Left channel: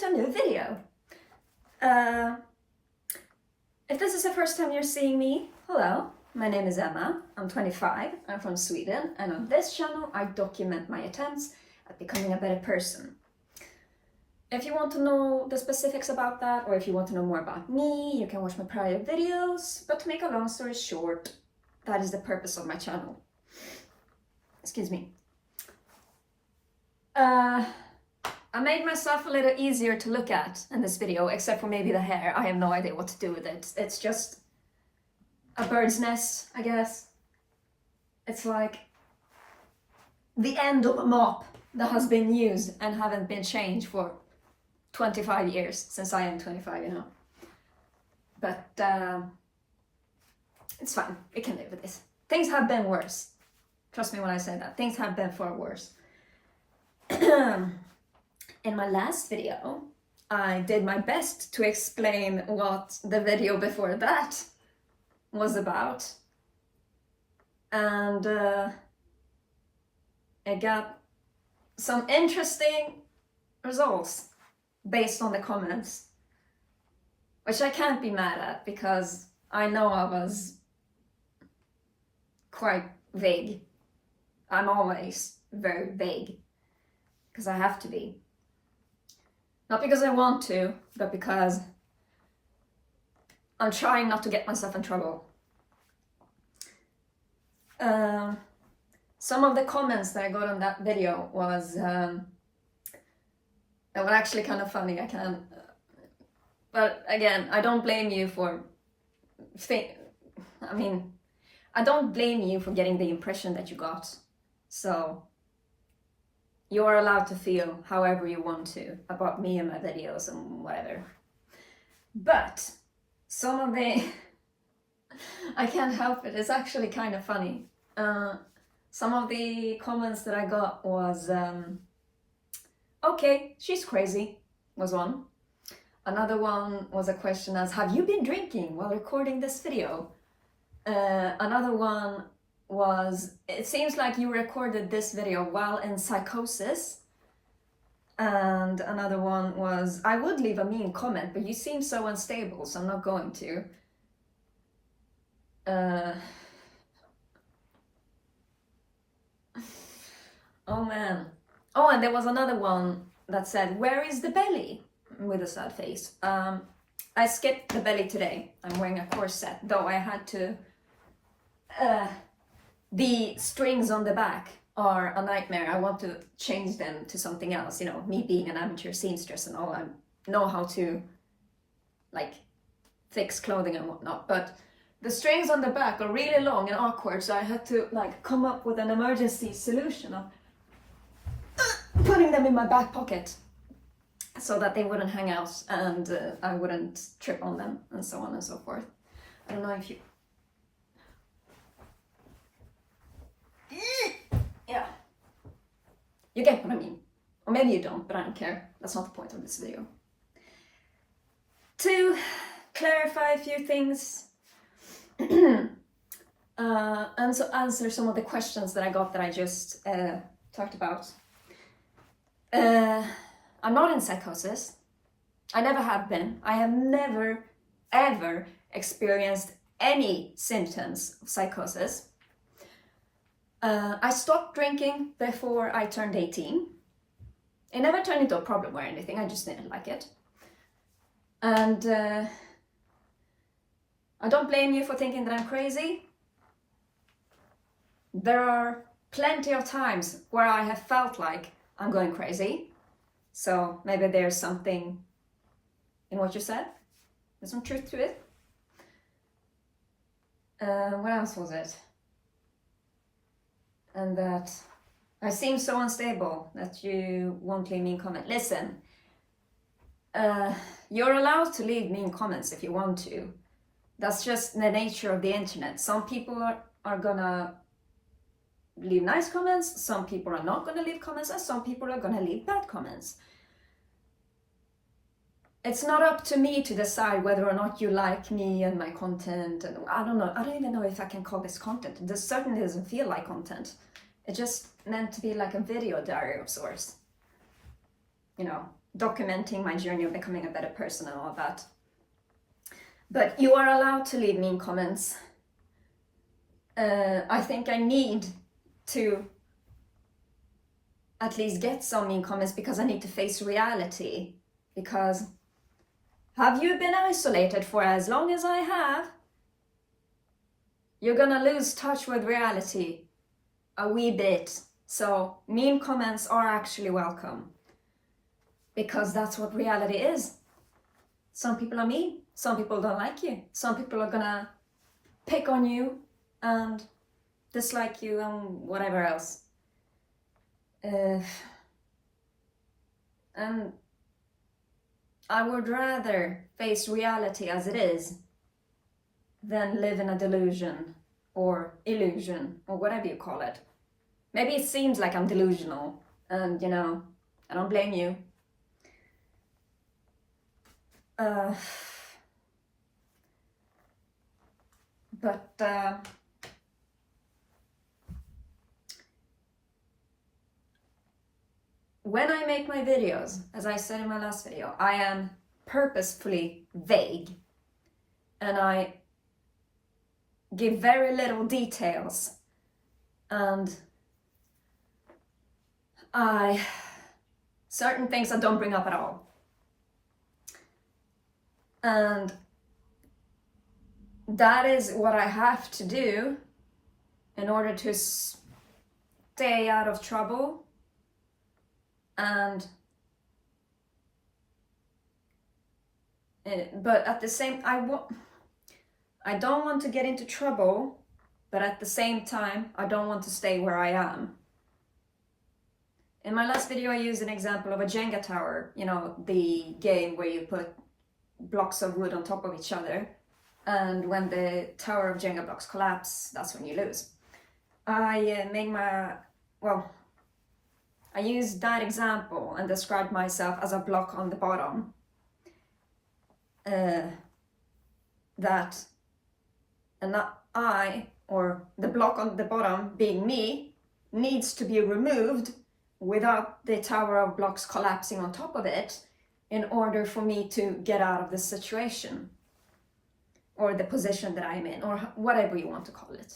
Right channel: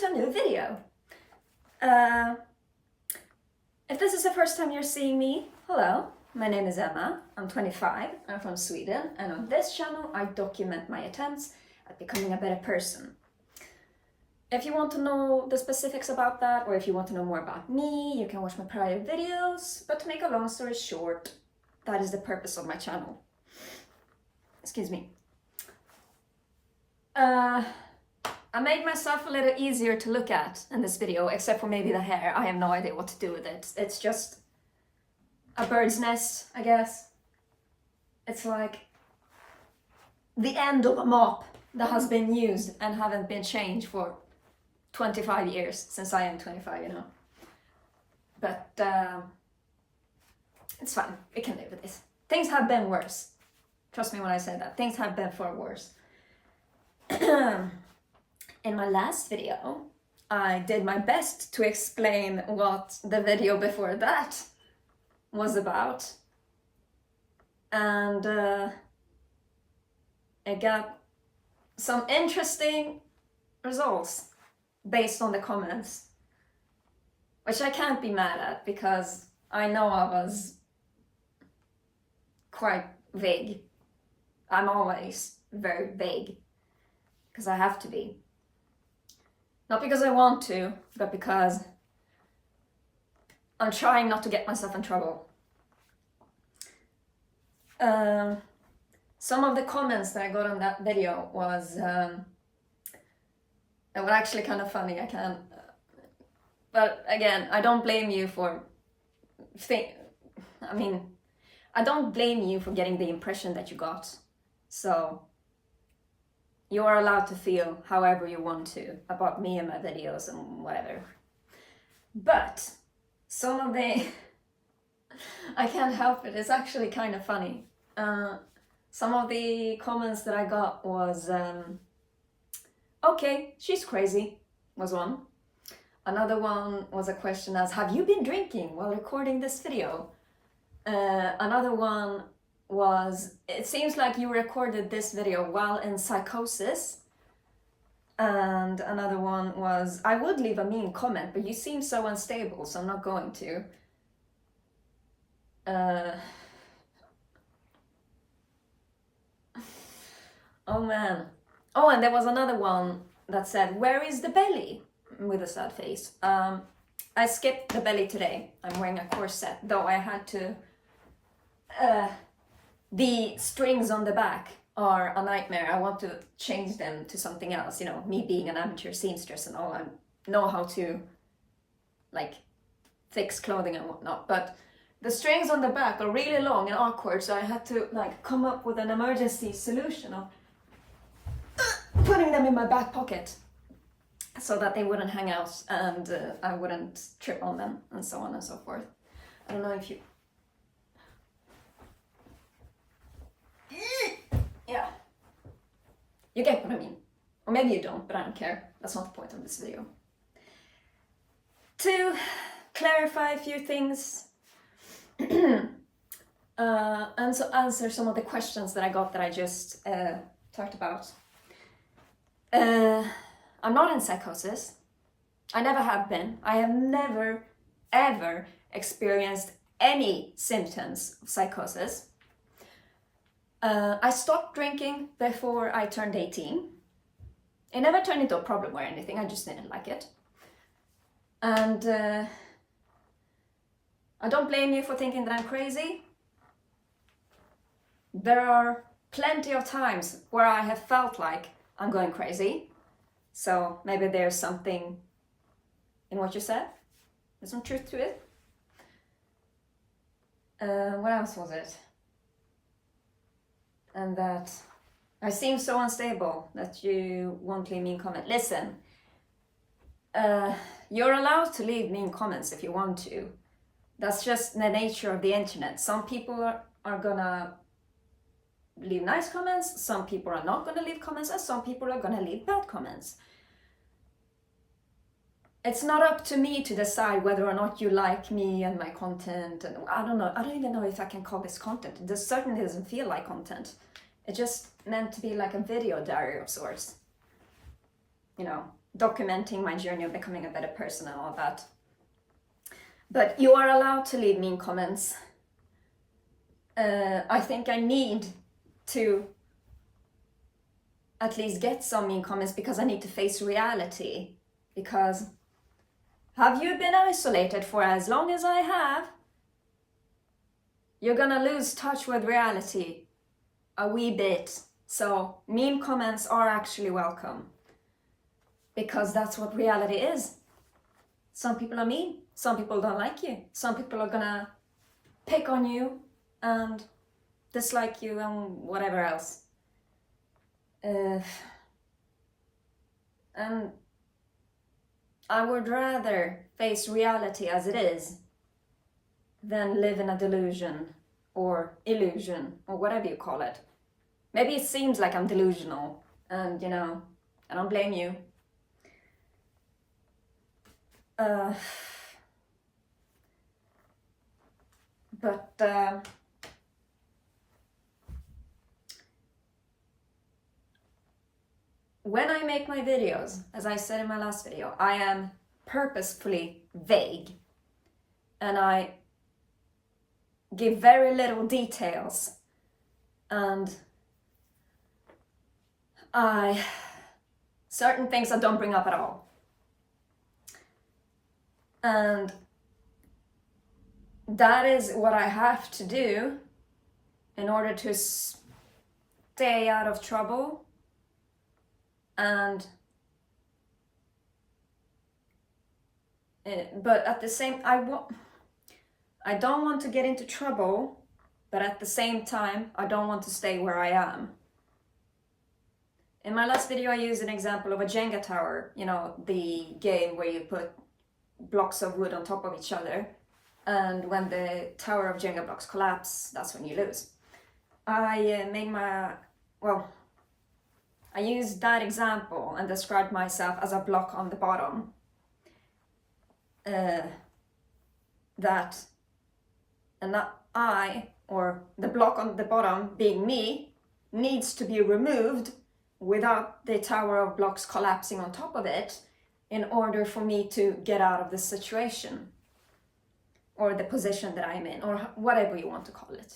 to a new video. If this is the first time you're seeing me, hello, my name is Emma, I'm 25, I'm from Sweden, and on this channel I document my attempts at becoming a better person. If you want to know the specifics about that, or if you want to know more about me, you can watch my prior videos, but to make a long story short, that is the purpose of my channel. Excuse me. I made myself a little easier to look at in this video, except for maybe the hair. I have no idea what to do with it. It's just a bird's nest, I guess. It's like the end of a mop that has been used and haven't been changed for 25 years, since I am 25, you know. But it's fine, we can live with this. Things have been worse. Trust me when I say that. Things have been far worse. In my last video, I did my best to explain what the video before that was about. And I got some interesting results based on the comments, which I can't be mad at because I know I was quite vague. I'm always very vague because I have to be. Not because I want to, but because I'm trying not to get myself in trouble. Some of the comments that I got on that video was they were actually kind of funny. But again, I don't blame you for I don't blame you for getting the impression that you got. So you are allowed to feel however you want to about me and my videos and whatever. But some of the I can't help it, it's actually kind of funny. Some of the comments that I got was okay, she's crazy, was one. Another one was a question as, have you been drinking while recording this video? Another one was, it seems like you recorded this video while in psychosis. And another one was, I would leave a mean comment, but you seem so unstable, so I'm not going to. Oh man. Oh, and there was another one that said, where is the belly? With a sad face. I skipped the belly today. I'm wearing a corset, though I had to. The strings on the back are a nightmare. I want to change them to something else. You know, me being an amateur seamstress and all, I know how to like fix clothing and whatnot. But the strings on the back are really long and awkward, so I had to like come up with an emergency solution of putting them in my back pocket so that they wouldn't hang out and I wouldn't trip on them and so on and so forth. I don't know if you... Yeah. You get what I mean. Or maybe you don't, but I don't care. That's not the point of this video. To clarify a few things and so answer some of the questions that I got that I just talked about. I'm not in psychosis. I never have been. I have never, ever experienced any symptoms of psychosis. I stopped drinking before I turned 18. It never turned into a problem or anything, I just didn't like it. And I don't blame you for thinking that I'm crazy. There are plenty of times where I have felt like I'm going crazy. So maybe there's something in what you said. There's some truth to it. What else was it? And that I seem so unstable that you won't leave mean comment. Listen, you're allowed to leave mean comments if you want to. That's just the nature of the internet. Some people are gonna leave nice comments, some people are not gonna leave comments, and some people are gonna leave bad comments. It's not up to me to decide whether or not you like me and my content, and I don't know, I don't even know if I can call this content. It certainly doesn't feel like content. It's just meant to be like a video diary of sorts. You know, documenting my journey of becoming a better person and all that. But you are allowed to leave mean comments. I think I need to at least get some mean comments because I need to face reality. Because have you been isolated for as long as I have? You're gonna lose touch with reality a wee bit. So mean comments are actually welcome, because that's what reality is. Some people are mean, some people don't like you, some people are gonna pick on you and dislike you and whatever else. And I would rather face reality as it is than live in a delusion or illusion or whatever you call it. Maybe it seems like I'm delusional, and I don't blame you. But when I make my videos, as I said in my last video, I am purposefully vague and I give very little details, and certain things I don't bring up at all. And that is what I have to do in order to stay out of trouble. And but at the same, I don't want to get into trouble, but at the same time I don't want to stay where I am. In my last video I used an example of a Jenga tower, the game where you put blocks of wood on top of each other, and when the tower of Jenga blocks collapse, that's when you lose. I used that example and described myself as a block on the bottom. Or the block on the bottom, being me, needs to be removed without the tower of blocks collapsing on top of it in order for me to get out of this situation, or the position that I'm in, or whatever you want to call it.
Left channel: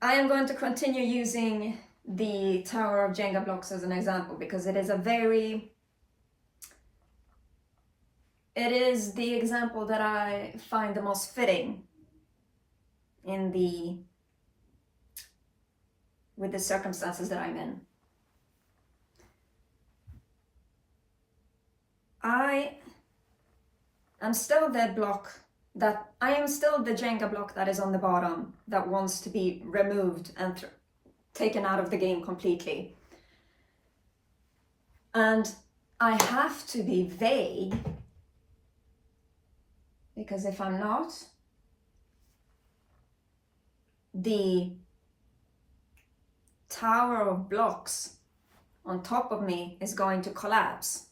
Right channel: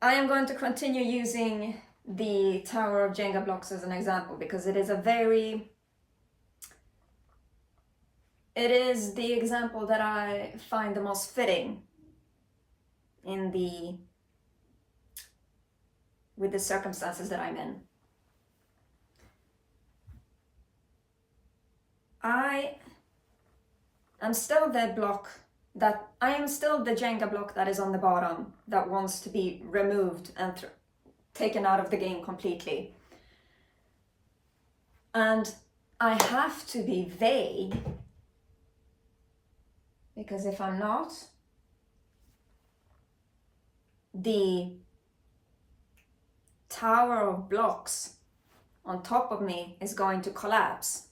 I am going to continue using the tower of Jenga blocks as an example because it is the example that I find the most fitting with the circumstances that I'm in. I am still the Jenga block that is on the bottom, that wants to be removed and taken out of the game completely. And I have to be vague, because if I'm not, the tower of blocks on top of me is going to collapse.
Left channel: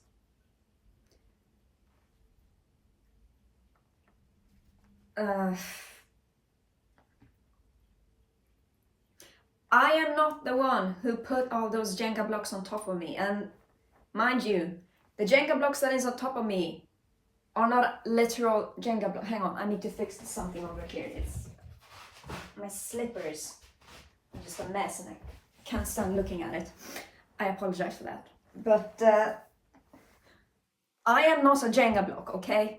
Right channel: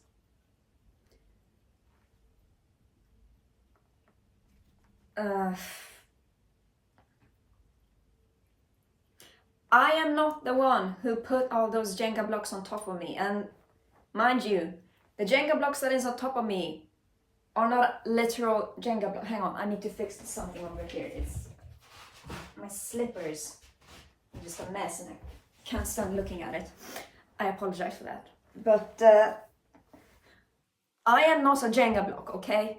I am not the one who put all those Jenga blocks on top of me, and mind you, the Jenga blocks that is on top of me are not literal Jenga blocks. Hang on, I need to fix something over here. It's my slippers are just a mess and I can't stand looking at it. I apologize for that. But I am not a Jenga block, okay?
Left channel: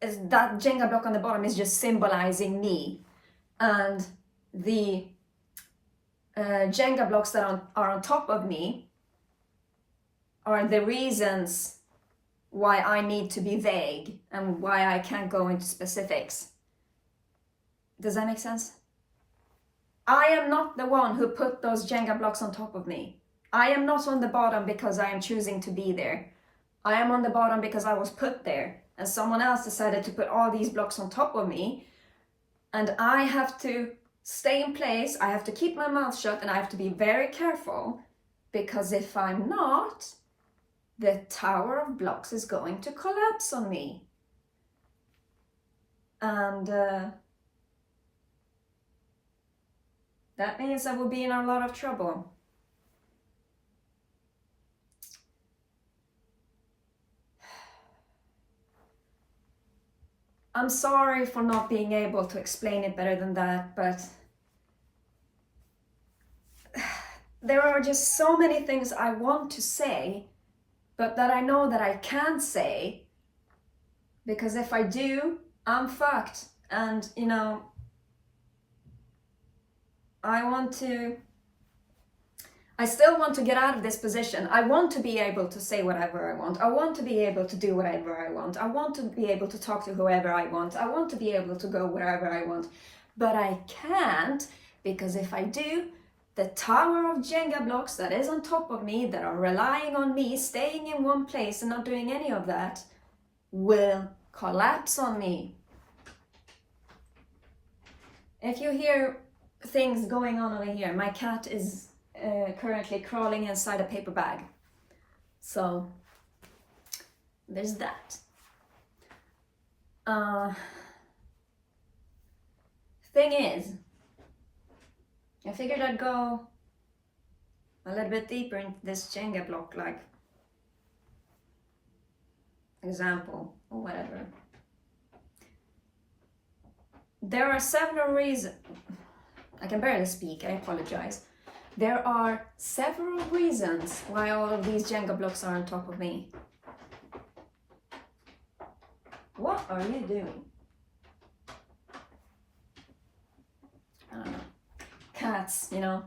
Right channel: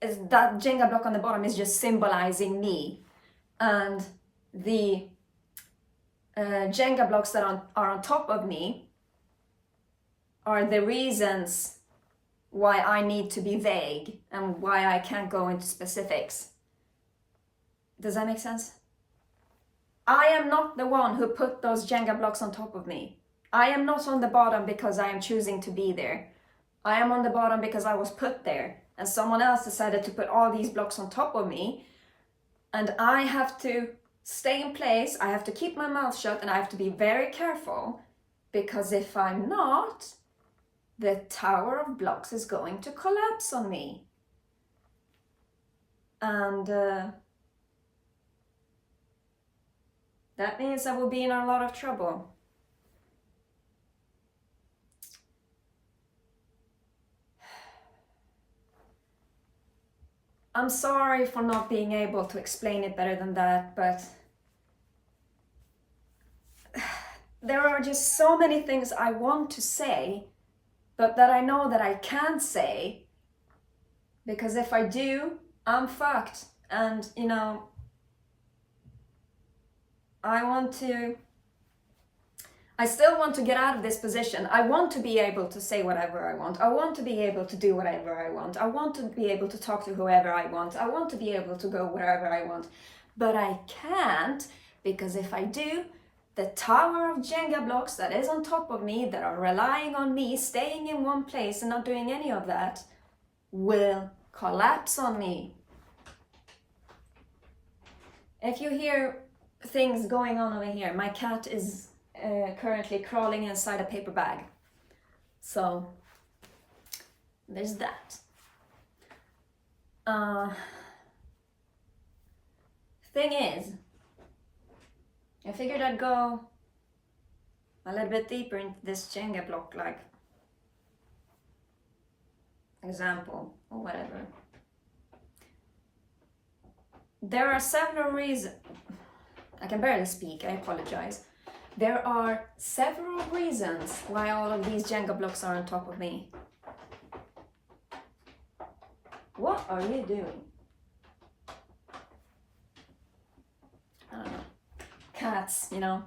That Jenga block on the bottom is just symbolizing me, and the Jenga blocks that are on top of me are the reasons why I need to be vague and why I can't go into specifics. Does that make sense? I am not the one who put those Jenga blocks on top of me. I am not on the bottom because I am choosing to be there. I am on the bottom because I was put there, and someone else decided to put all these blocks on top of me, and I have to stay in place. I have to keep my mouth shut, and I have to be very careful, because if I'm not, the tower of blocks is going to collapse on me. And that means I will be in a lot of trouble. I'm sorry for not being able to explain it better than that, but there are just so many things I want to say, but that I know that I can't say, because if I do, I'm fucked. And, you know, I still want to get out of this position. I want to be able to say whatever I want. I want to be able to do whatever I want. I want to be able to talk to whoever I want. I want to be able to go wherever I want. But I can't, because if I do, the tower of Jenga blocks that is on top of me, that are relying on me staying in one place and not doing any of that, will collapse on me. If you hear things going on over here, my cat is currently crawling inside a paper bag. So there's that. Thing is, I figured I'd go a little bit deeper into this Jenga block like example or whatever. There are several reasons. I can barely speak, I apologize. There are several reasons why all of these Jenga blocks are on top of me. What are you doing? I don't know. Cats, you know,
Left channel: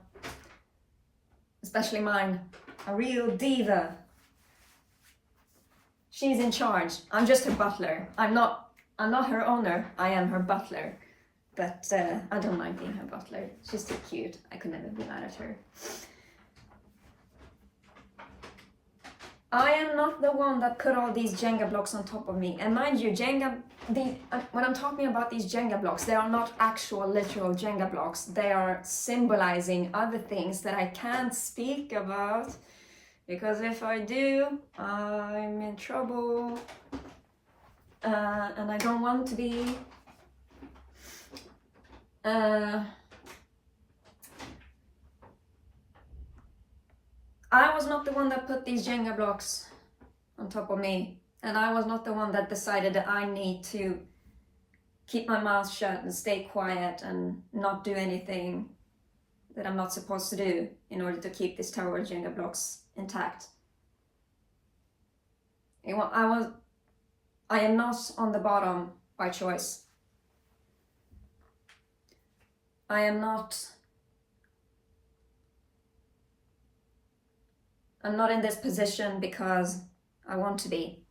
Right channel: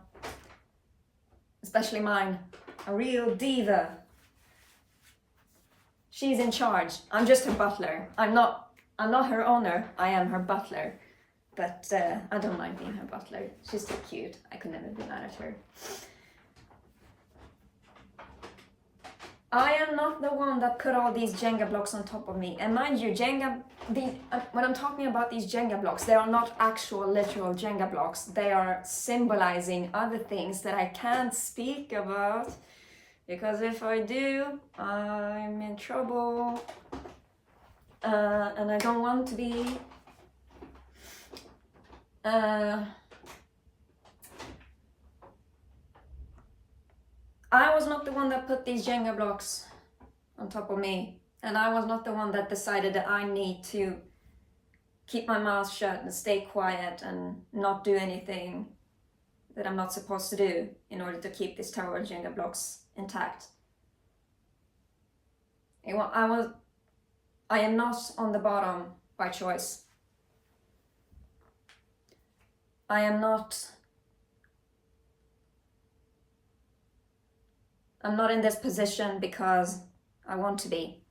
especially mine, a real diva. She's in charge. I'm just her butler. I'm not her owner. I am her butler. But I don't mind being her butler. She's too cute. I could never be mad at her. I am not the one that put all these Jenga blocks on top of me. And mind you, when I'm talking about these Jenga blocks, they are not actual literal Jenga blocks. They are symbolizing other things that I can't speak about. Because if I do, I'm in trouble. And I don't want to be. I was not the one that put these Jenga blocks on top of me, and I was not the one that decided that I need to keep my mouth shut and stay quiet and not do anything that I'm not supposed to do in order to keep this tower of Jenga blocks intact. I am not on the bottom by choice. I'm not in this position because I want to be.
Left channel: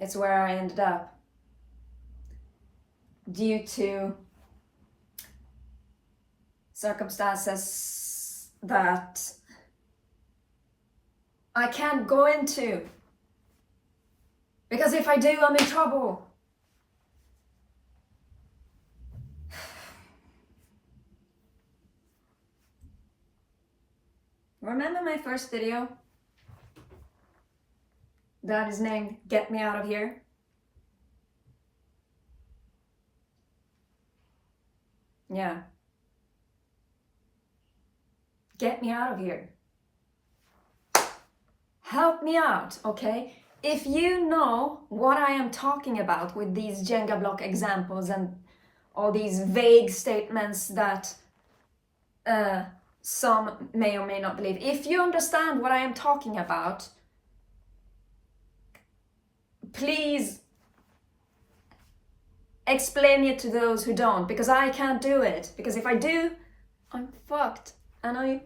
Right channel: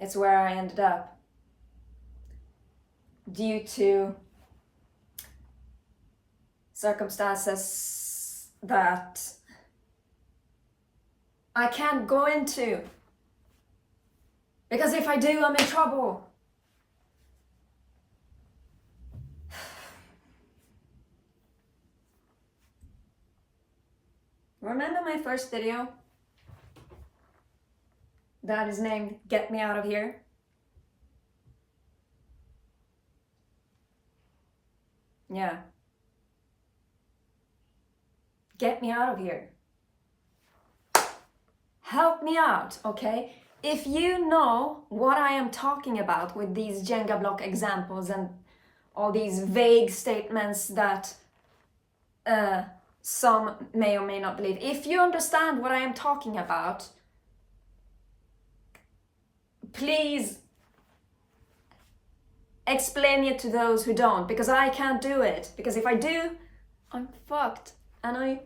It's where I ended up due to circumstances that I can't go into. Because if I do, I'm in trouble. Remember my first video that is named Get Me Out of Here? Yeah. Get me out of here. Help me out, okay? If you know what I am talking about with these Jenga block examples and all these vague statements that some may or may not believe. If you understand what I am talking about, please explain it to those who don't, because I can't do it. Because if I do, I'm fucked. And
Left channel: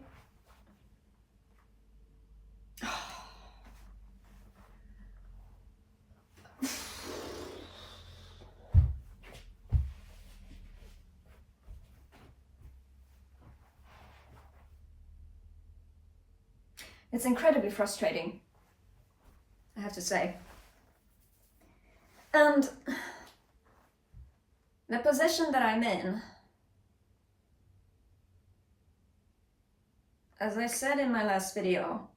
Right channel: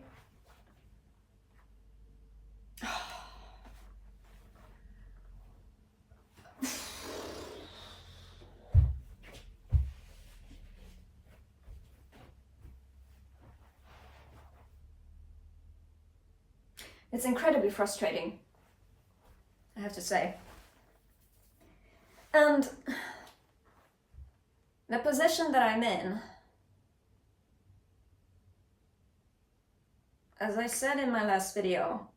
it's incredibly frustrating, I have to say. And the position that I'm in, as I said in my last video,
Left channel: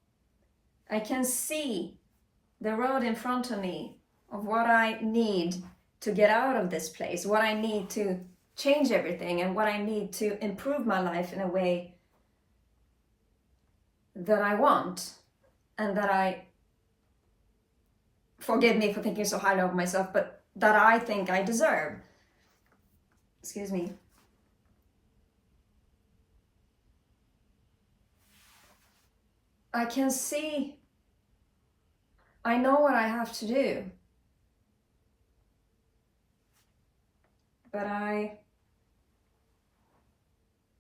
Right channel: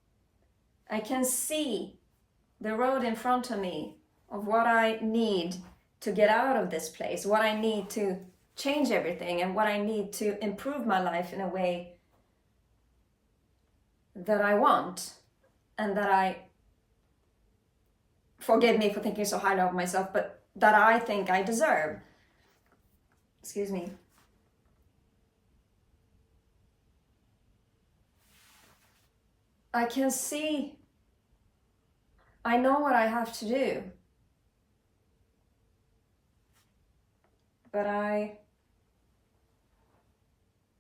I can see the road in front of me of what I need to get out of this place, what I need to change everything, and what I need to improve my life in a way that I want, and that forgive me for thinking so highly of myself, but that I think I deserve. Excuse me. I can see, I know what I have to do, but I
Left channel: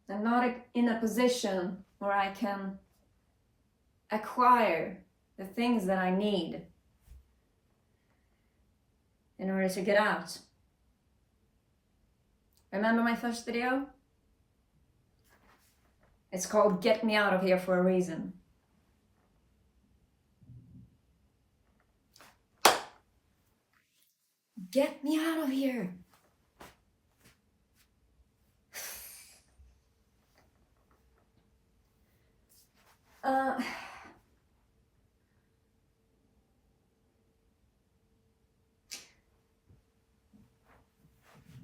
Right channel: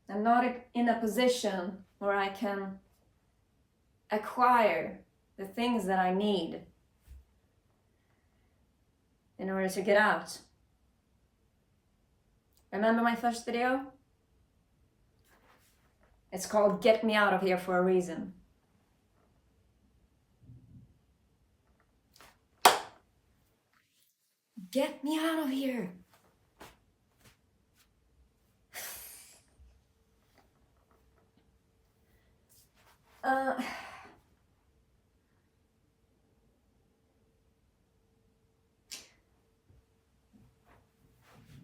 am not in a position where I can acquire the things that I need in order to get out. Remember my first video? It's called Get Me Out of Here for a Reason. Get me out of here.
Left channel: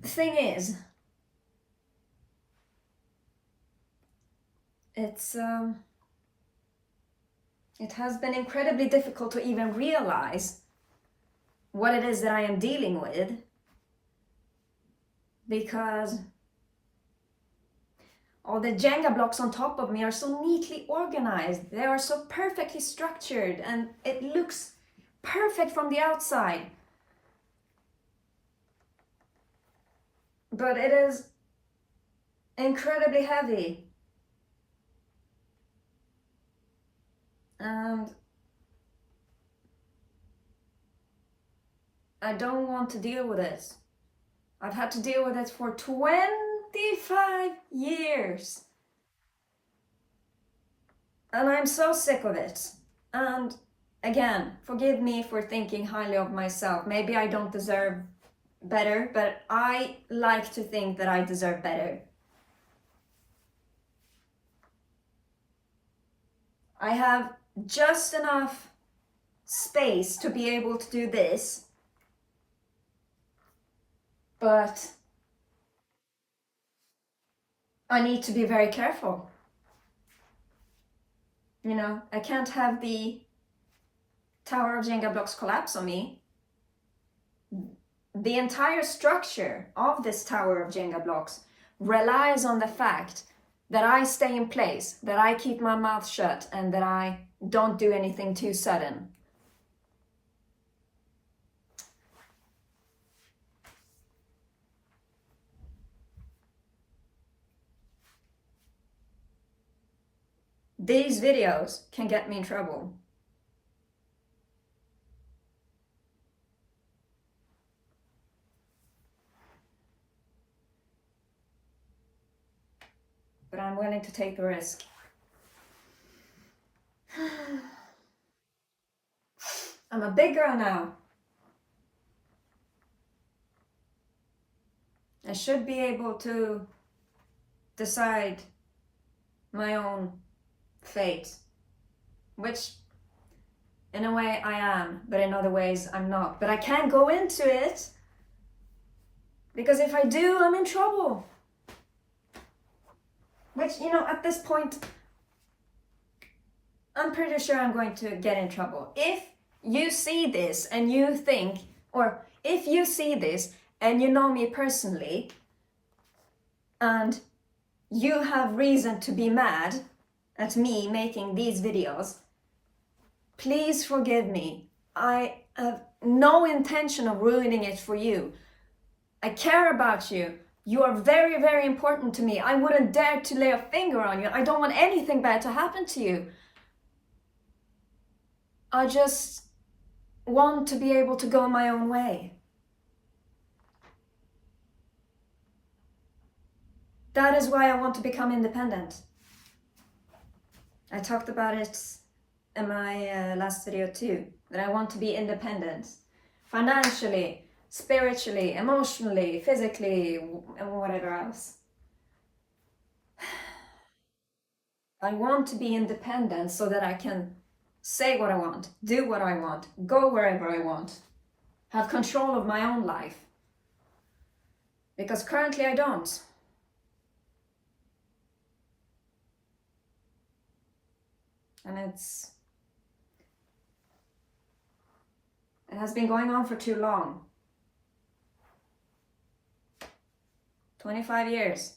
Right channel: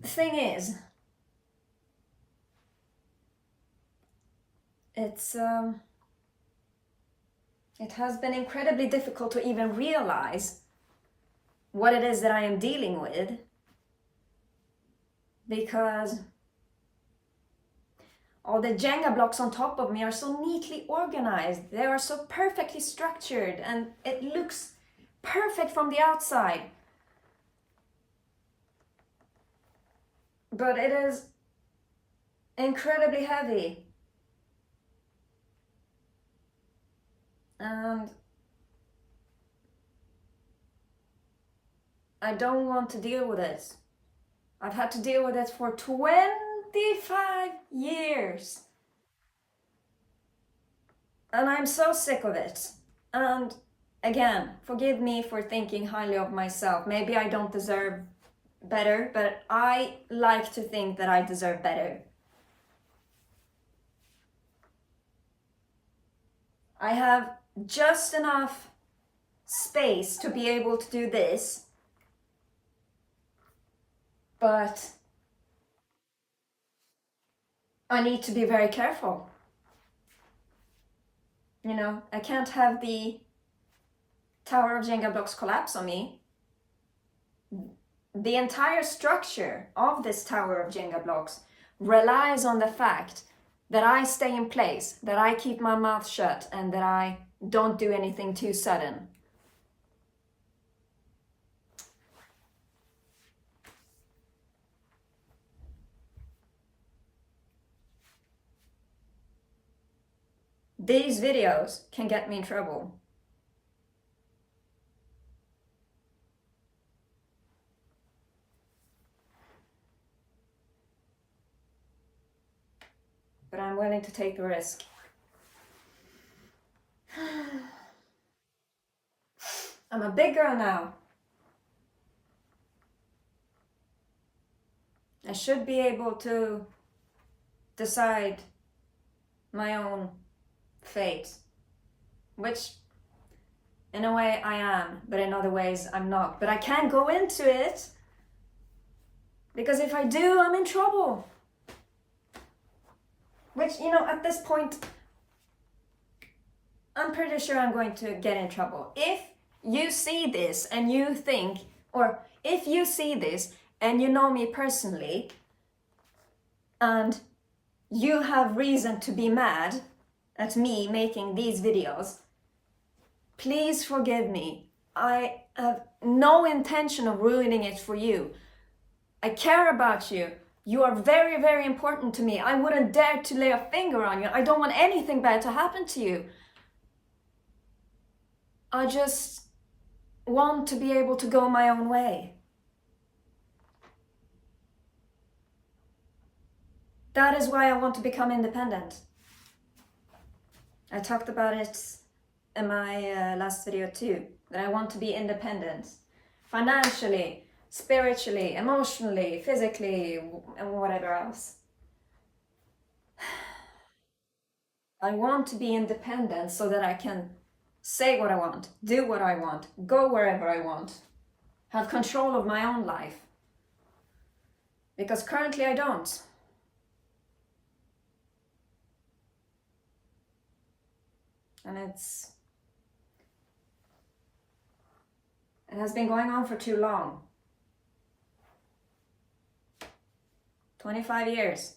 The thing is, it has been incredibly difficult to even realize what it is that I am dealing with, because all the Jenga blocks on top of me are so neatly organized. They are so perfectly structured and it looks perfect from the outside. But it is incredibly heavy. And I don't want to deal with it. I've had to deal with it for 25 years. And I'm so sick of it. And again, forgive me for thinking highly of myself. Maybe I don't deserve better, but I like to think that I deserve better. I have just enough space to be able to do this, but I need to be very careful. You know, I can't have the tower of Jenga blocks collapse on me. The entire structure of this tower of Jenga blocks relies on the fact that I stay in place, that I keep my mouth shut, and that I don't do anything too sudden. These videos can get me in trouble. But I'm willing to take the risk. I'm a big girl now. I should be able to decide my own fate, which in a way I am, but in other ways I'm not. But I can't go into it, because if I do, I'm in trouble. Which, you know, at this point, I'm pretty sure I'm going to get in trouble. If you see this and you think, or if you see this and you know me personally, and you have reason to be mad at me making these videos, please forgive me. I have no intention of ruining it for you. I care about you. You are very, very important to me. I wouldn't dare to lay a finger on you. I don't want anything bad to happen to you. I just want to be able to go my own way. That is why I want to become independent. I talked about it in my last video too, that I want to be independent. Financially, spiritually, emotionally, physically, and whatever else. I want to be independent so that I can say what I want, do what I want, go wherever I want, have control of my own life. Because currently I don't. And it has been going on for too long. 25 years.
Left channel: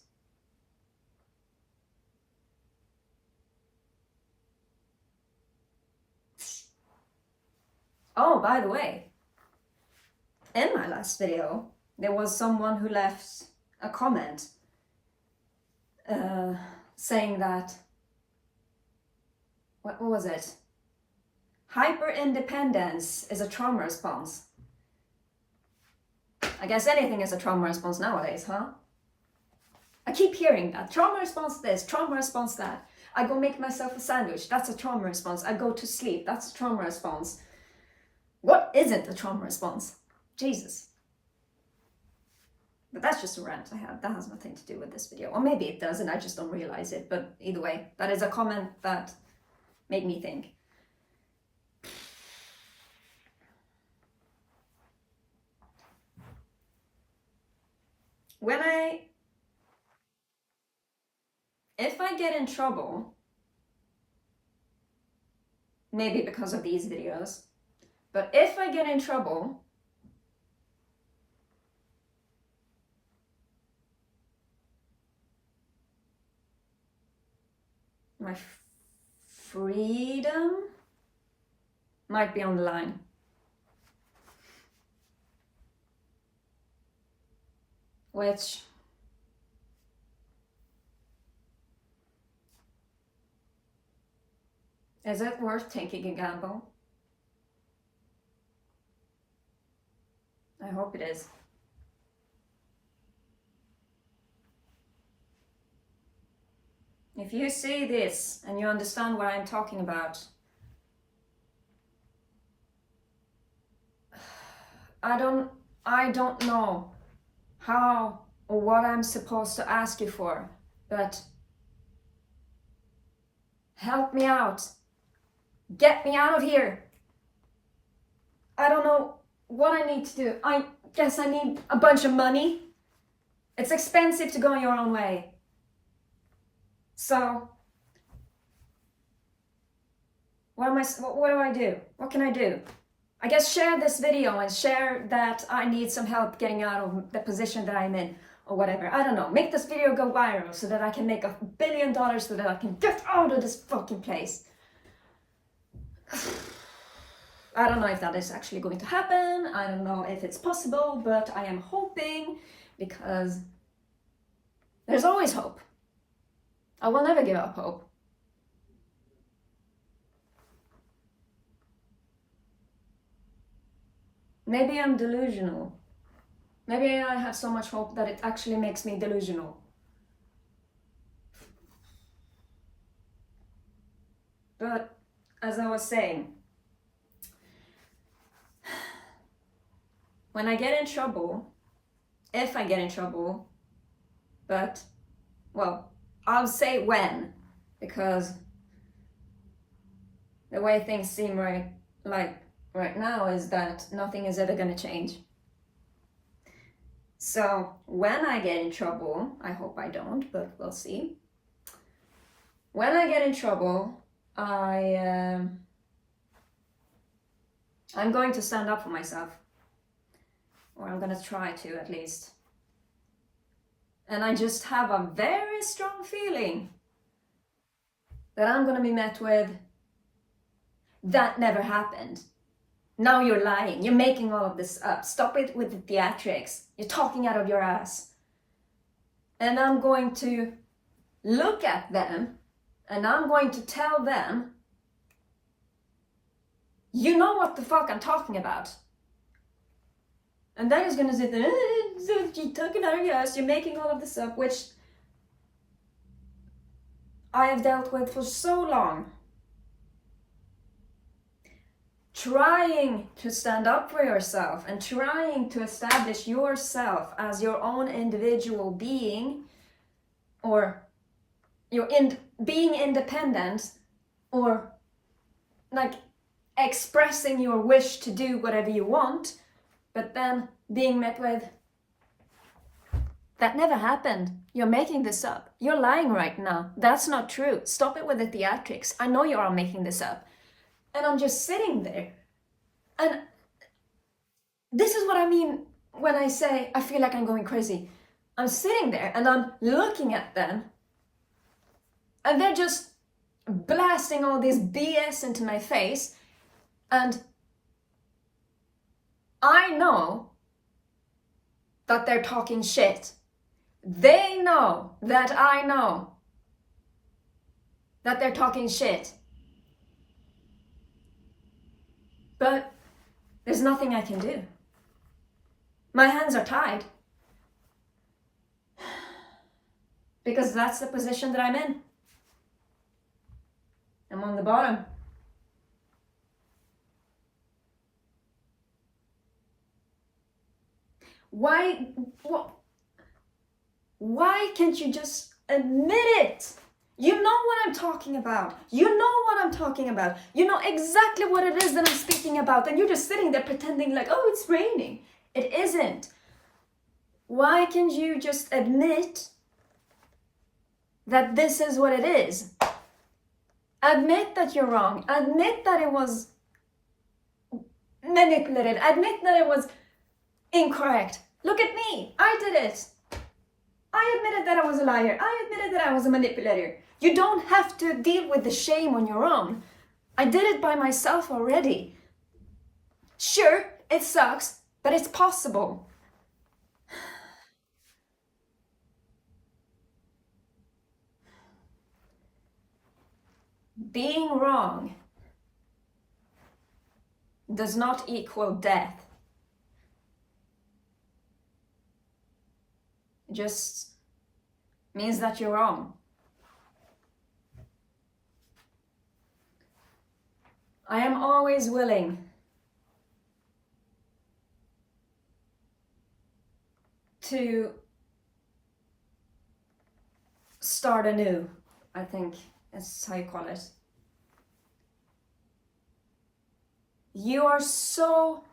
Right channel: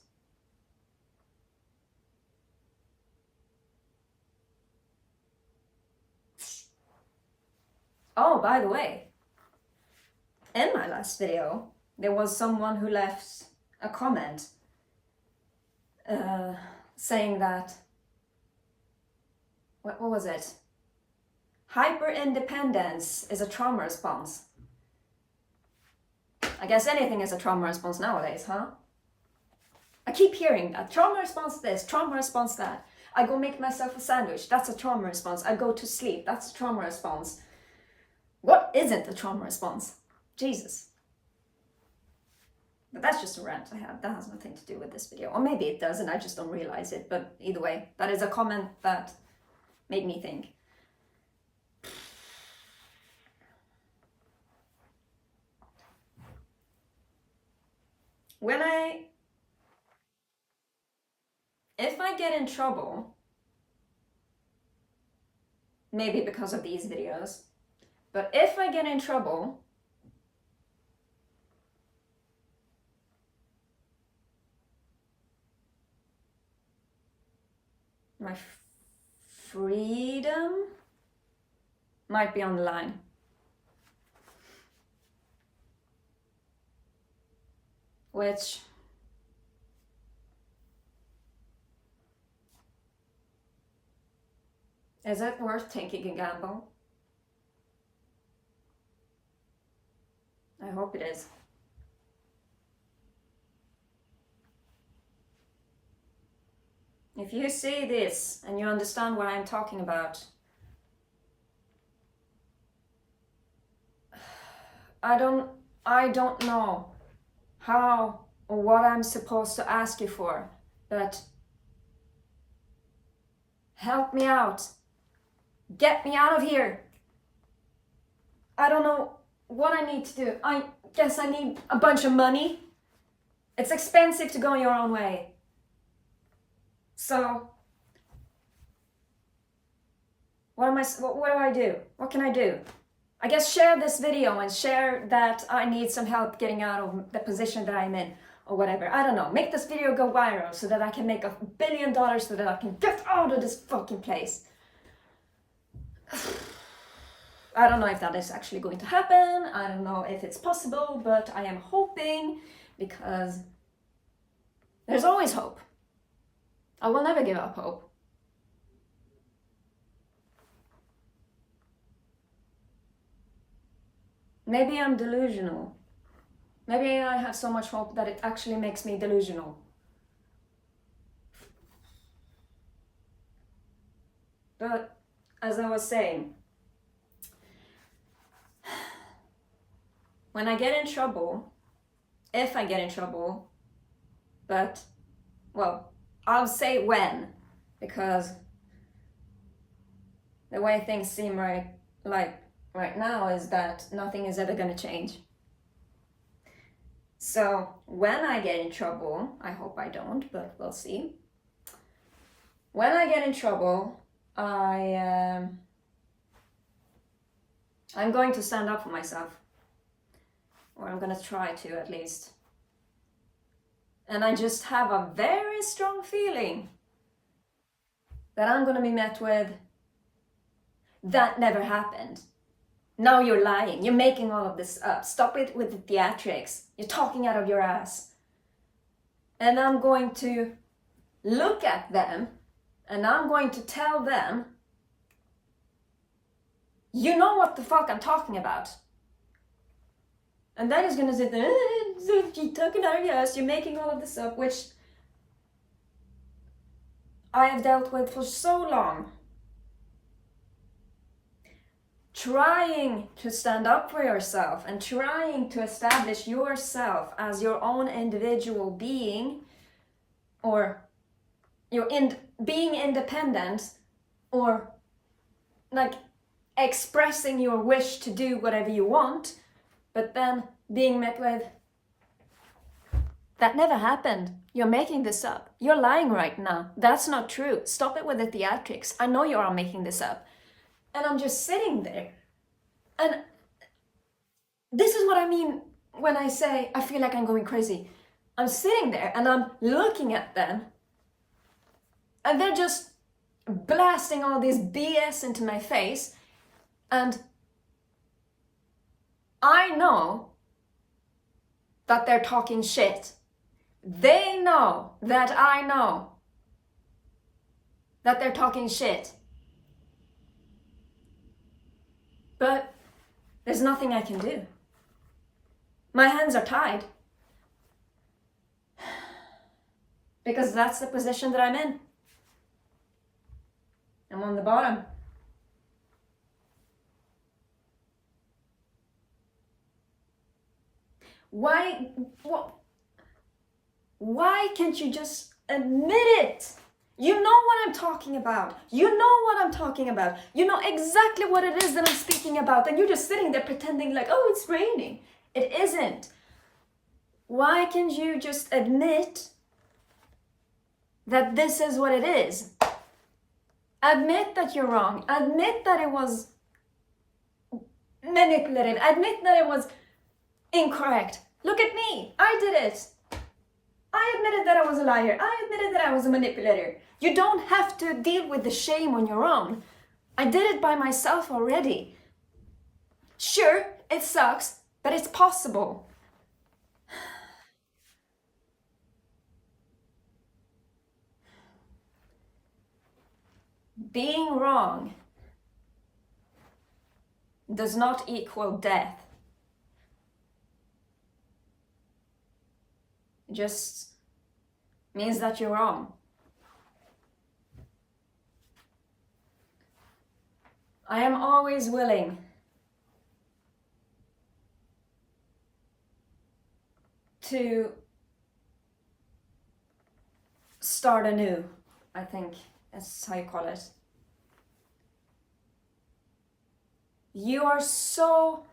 Oh, by the way, in my last video, there was someone who left a comment saying that, what was it? Hyper-independence is a trauma response. I guess anything is a trauma response nowadays, huh? I keep hearing that. Trauma response this, trauma response that. I go make myself a sandwich, that's a trauma response. I go to sleep, that's a trauma response. What isn't a trauma response? Jesus. But that's just a rant I had. That has nothing to do with this video. Or maybe it does and I just don't realize it. But either way, that is a comment that made me think. If I get in trouble, maybe because of these videos, but if I get in trouble, my freedom might be on the line. Which is it worth taking a gamble? I hope it is. If you see this and you understand what I'm talking about, I don't know how or what I'm supposed to ask you for, but help me out. Get me out of here. I don't know what I need to do. I guess I need a bunch of money. It's expensive to go your own way. So, what do I do? What can I do? I guess share this video and share that I need some help getting out of the position that I'm in or whatever. I don't know. Make this video go viral so that I can make $1 billion so that I can get out of this fucking place. I don't know if that is actually going to happen. I don't know if it's possible, but I am hoping because there's always hope. I will never give up hope. Maybe I'm delusional. Maybe I have so much hope that it actually makes me delusional. But as I was saying, when I get in trouble, if I get in trouble, but, well, I'll say when, because the way things seem right now is that nothing is ever going to change. So when I get in trouble, I hope I don't, but we'll see. When I get in trouble, I'm going to stand up for myself, or I'm going to try to at least. And I just have a very strong feeling that I'm going to be met with, that never happened. Now you're lying. You're making all of this up. Stop it with the theatrics. You're talking out of your ass. And I'm going to look at them and I'm going to tell them, you know what the fuck I'm talking about. And then he's going to sit there, you're talking out of your ass, you're making all of this up, which I have dealt with for so long. Trying to stand up for yourself and trying to establish yourself as your own individual being, or being independent, or like expressing your wish to do whatever you want, but then being met with, that never happened. You're making this up. You're lying right now. That's not true. Stop it with the theatrics. I know you are making this up. And I'm just sitting there. And this is what I mean when I say I feel like I'm going crazy. I'm sitting there and I'm looking at them, and they're just blasting all this BS into my face, and I know that they're talking shit. They know that I know that they're talking shit. But there's nothing I can do. My hands are tied. Because that's the position that I'm in. I'm on the bottom. Why can't you just admit it? You know what I'm talking about. You know what I'm talking about. You know exactly what it is that I'm speaking about, and you're just sitting there pretending like, oh, it's raining. It isn't. Why can't you just admit that this is what it is? Admit that you're wrong. Admit that it was manipulated. Admit that it was incorrect. Look at me. I did it. I admitted that I was a liar. I admitted that I was a manipulator. You don't have to deal with the shame on your own. I did it by myself already. Sure, it sucks, but it's possible. Being wrong does not equal death. It just means that you're wrong. I am always willing to start anew, I think that's how you call it. You are so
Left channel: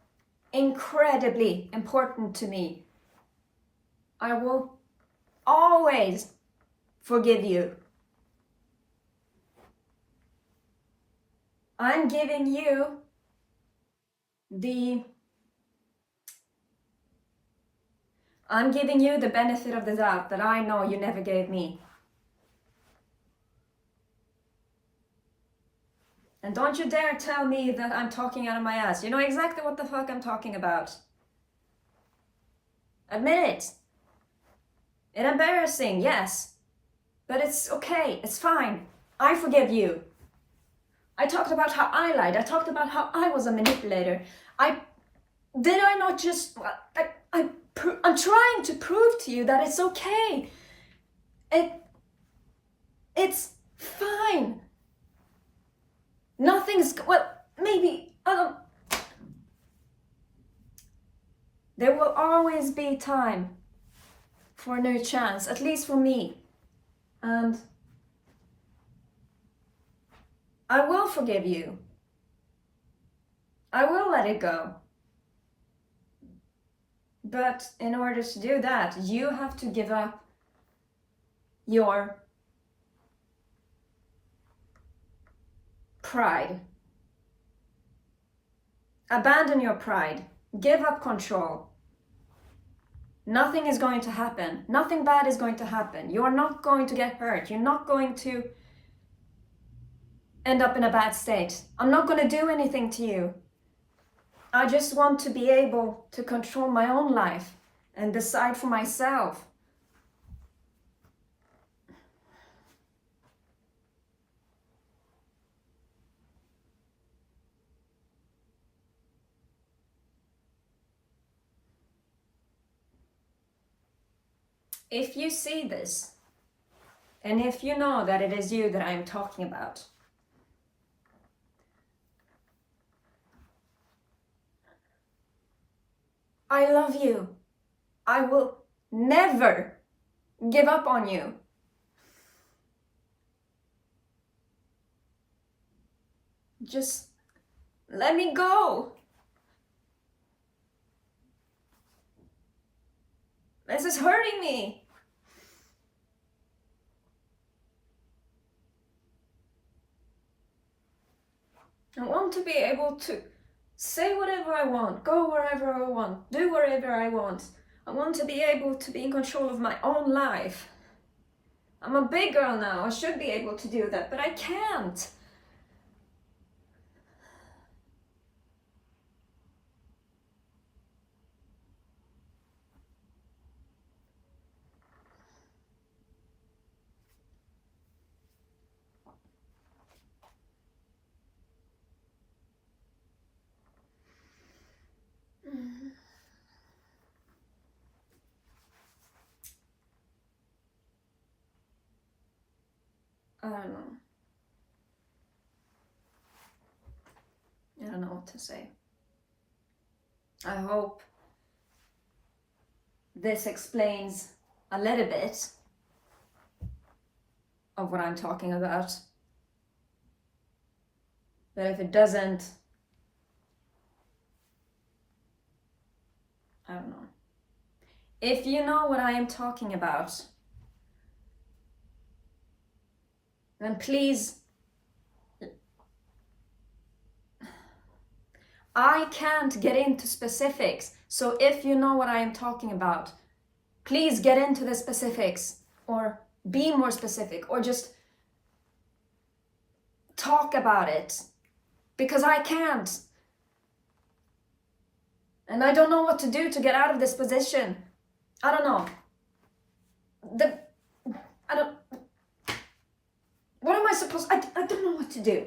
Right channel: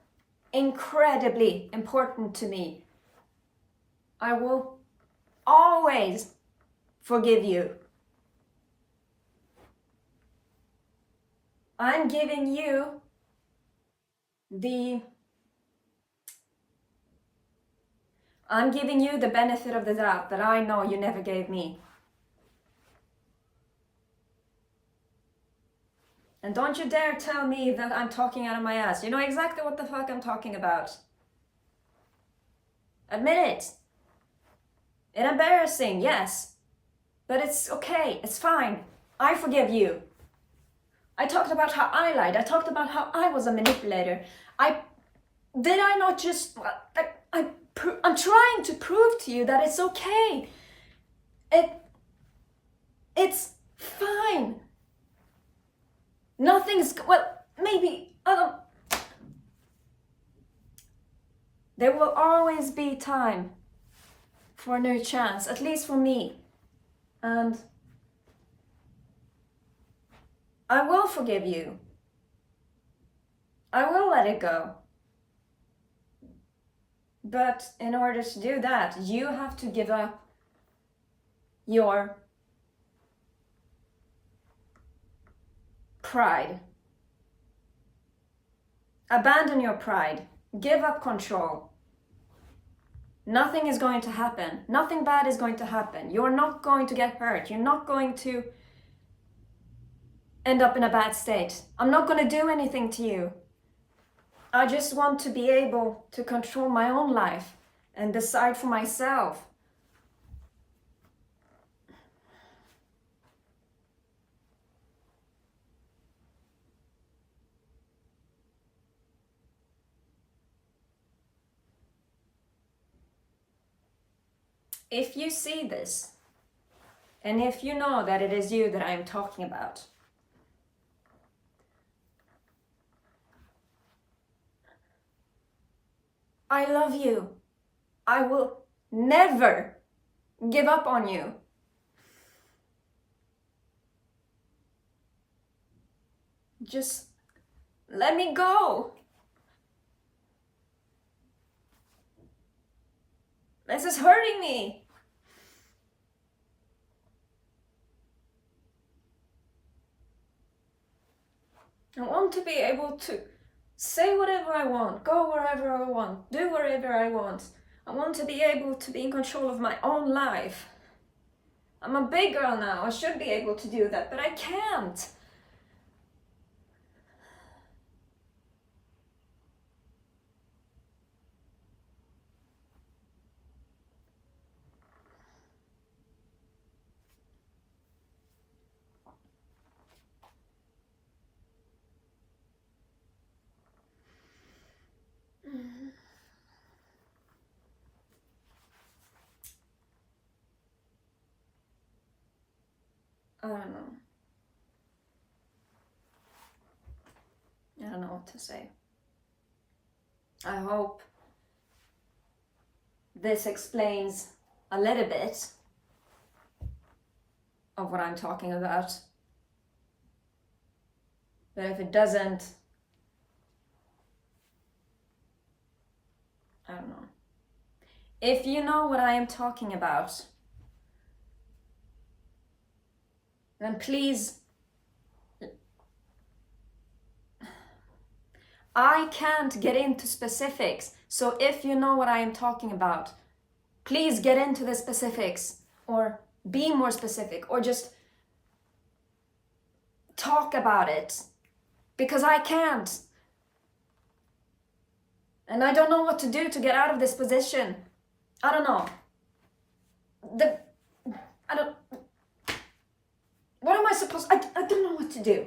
incredibly important to me. I will always forgive you. I'm giving you the benefit of the doubt that I know you never gave me. And don't you dare tell me that I'm talking out of my ass. You know exactly what the fuck I'm talking about. Admit it. It's embarrassing, yes. But it's okay, it's fine. I forgive you. I talked about how I lied. I talked about how I was a manipulator. I'm trying to prove to you that it's okay. It's fine. Maybe, there will always be time for a new chance, at least for me. And I will forgive you. I will let it go. But in order to do that, you have to give up your pride. Abandon your pride. Give up control. Nothing is going to happen. Nothing bad is going to happen. You're not going to get hurt. You're not going to end up in a bad state. I'm not going to do anything to you. I just want to be able to control my own life and decide for myself. If you see this, and if you know that it is you that I am talking about, I love you. I will never give up on you. Just let me go. This is hurting me. I want to be able to say whatever I want, go wherever I want, do whatever I want. I want to be able to be in control of my own life. I'm a big girl now, I should be able to do that, but I can't. I don't know. I don't know what to say. I hope this explains a little bit of what I'm talking about. But if it doesn't, I don't know. If you know what I am talking about, then please, I can't get into specifics. So if you know what I am talking about, please get into the specifics, or be more specific, or just talk about it, because I can't. And I don't know what to do to get out of this position. I don't know. What am I supposed, I don't know what to do.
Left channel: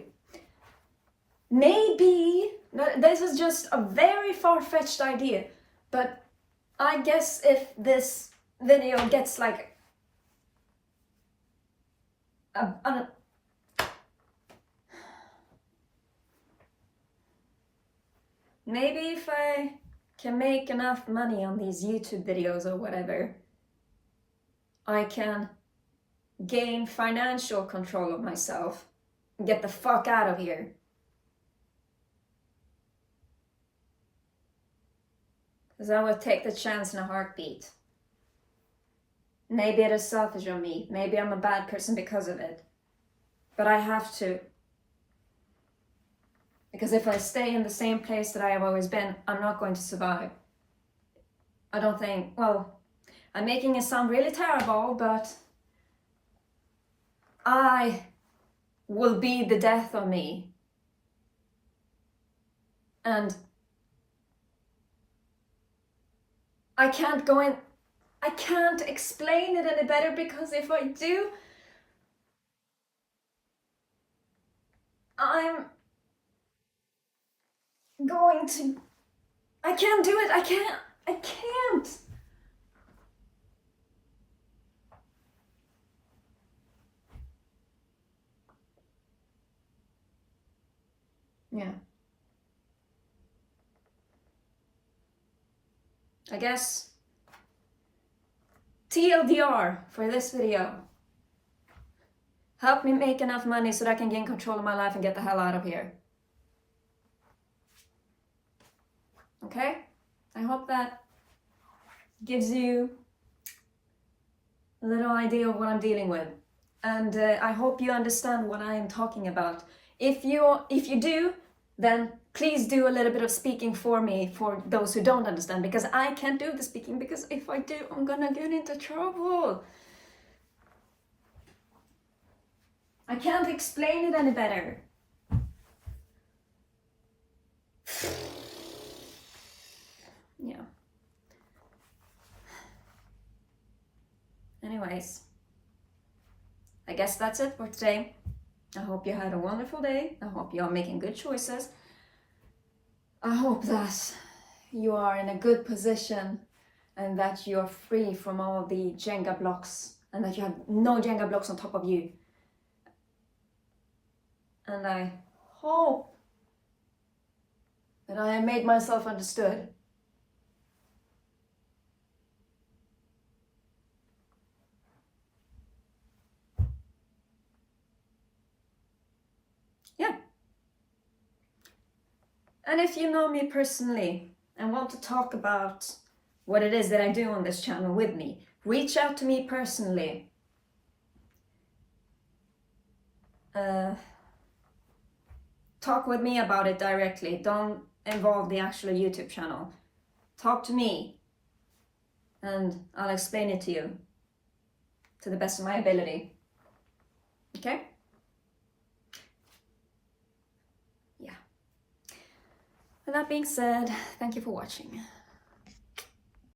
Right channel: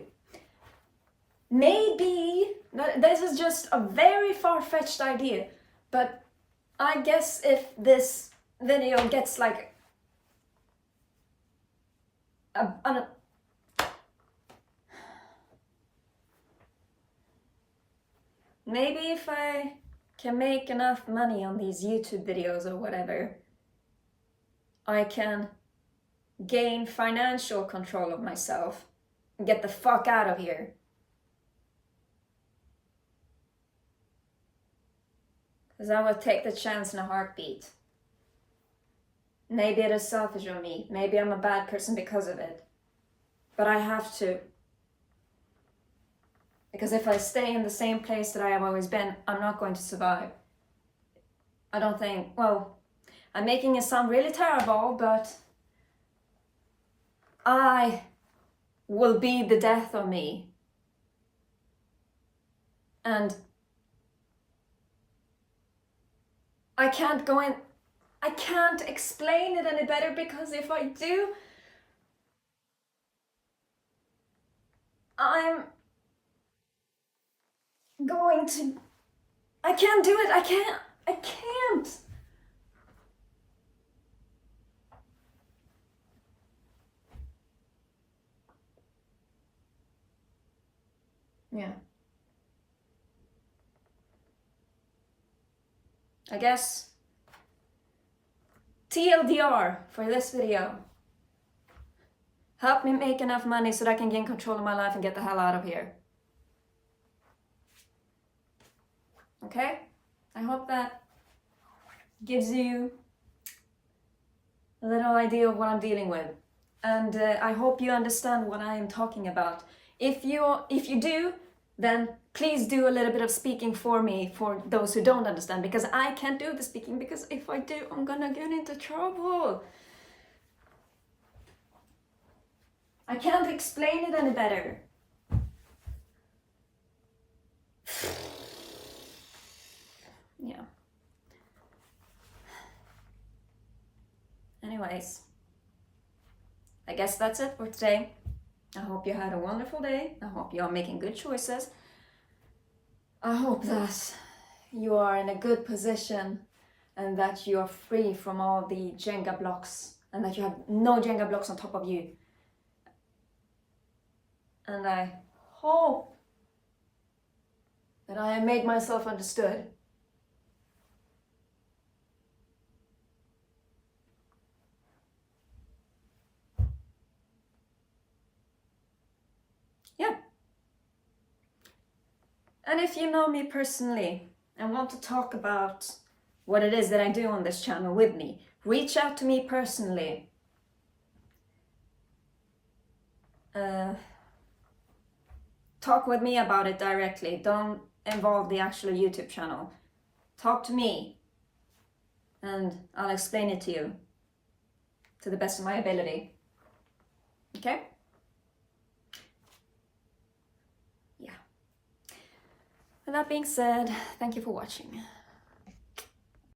Maybe, this is just a very far-fetched idea, but I guess if this video gets like maybe if I can make enough money on these YouTube videos or whatever, I can gain financial control of myself and get the fuck out of here. Because I would take the chance in a heartbeat. Maybe it is selfish of me. Maybe I'm a bad person because of it. But I have to. Because if I stay in the same place that I have always been, I'm not going to survive. I don't think, well, I'm making it sound really terrible, but I will be the death of me. And I can't go in, I can't explain it any better, because if I do, I'm going to, I can't do it, I can't. Yeah. I guess TLDR for this video. Help me make enough money so that I can gain control of my life and get the hell out of here. Okay? I hope that gives you a little idea of what I'm dealing with. And I hope you understand what I am talking about. If you do, then please do a little bit of speaking for me, for those who don't understand, because I can't do the speaking, because if I do, I'm gonna get into trouble. I can't explain it any better. Yeah. Anyways, I guess that's it for today. I hope you had a wonderful day. I hope you are making good choices. I hope that you are in a good position and that you are free from all the Jenga blocks and that you have no Jenga blocks on top of you. And I hope that I have made myself understood. Yeah. And if you know me personally and want to talk about what it is that I do on this channel with me, reach out to me personally. Talk with me about it directly. Don't involve the actual YouTube channel. Talk to me. and I'll explain it to you to the best of my ability. Okay? Yeah. With that being said, thank you for watching.